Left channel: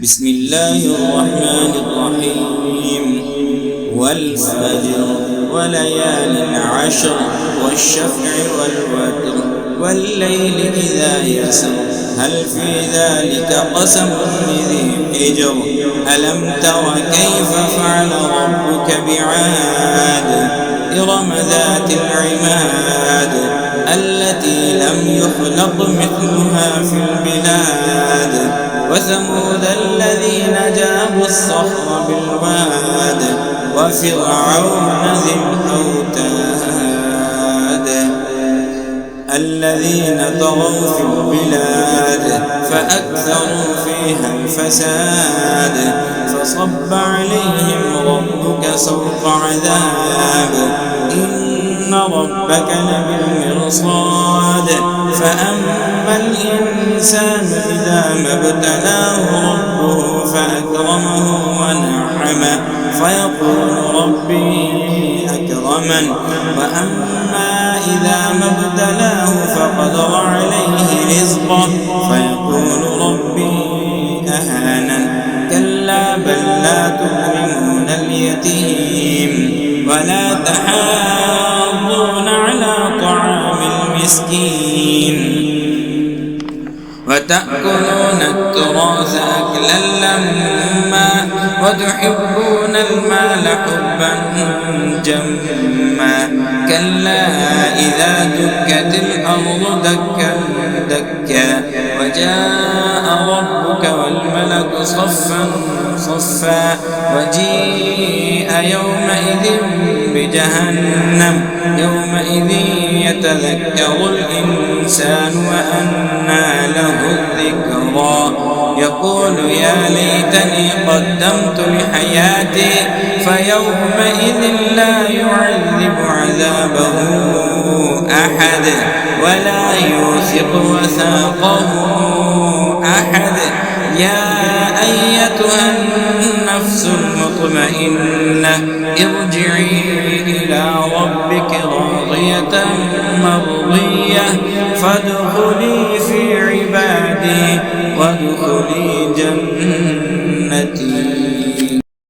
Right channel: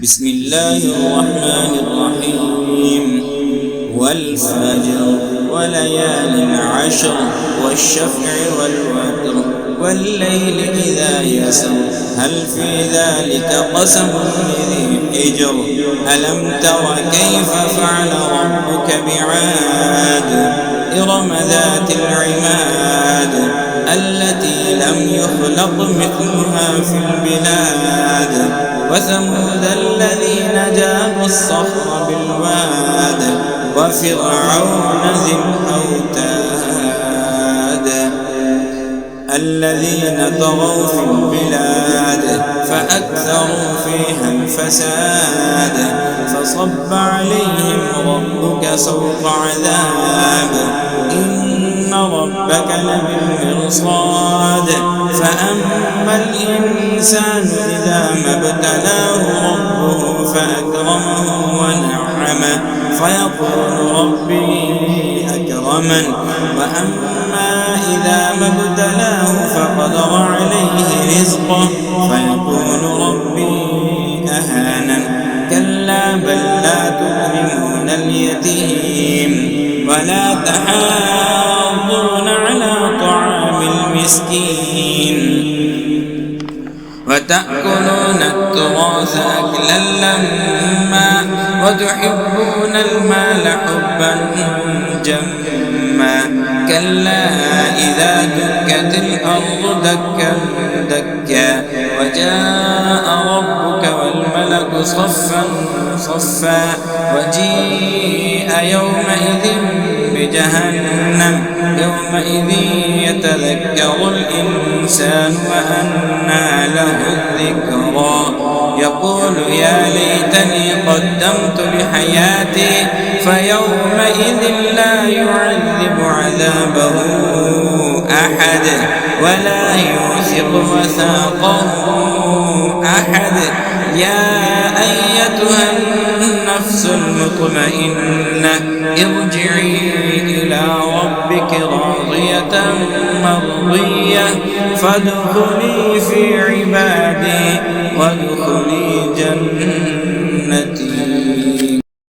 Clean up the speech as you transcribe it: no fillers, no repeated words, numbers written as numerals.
بسم الله الرحمن الرحيم والفجر وليال عشر والشفع والوتر والليل إذا يسر هل في ذلك قسم لذي حجر ألم تر كيف فعل ربك بعاد إرم ذات العماد التي لم يخلق مثلها في البلاد وثمود الذين جابوا الصخر بالواد وفرعون ذي الأوتاد الذين طغوا في البلاد فأكثروا فيها الفساد فصب عليهم ربك سوط عذاب إن ربك لبالمرصاد فأما الإنسان إذا ما ابتلاه ربه فأكرمه ونعمه فيقول ربي أكرمن وأما إذا ما ابتلاه فقدر عليه رزقه فيقول ربي أهانن كلا بل لا تكرمون اليتيم ولا تحاضون على طعام المسكين وتأكلون التراث أكلا لما وتحبون المال حبا جما كلا إذا دكت الأرض دكا دكا وجاء ربك والملك صفا صفا وجيء يومئذ بجهنم يومئذ يتذكر الإنسان وأنى له الذكرى يقول يا ليتني قدمت لحياتي فيومئذ لا يعذب عذابه أحد ولا يوثق وثاقه أحد يا أيتها النفس المطمئنة ارجعي إلى ربك راضية مرضية فادخلي في عبادي وادخلي جنتي.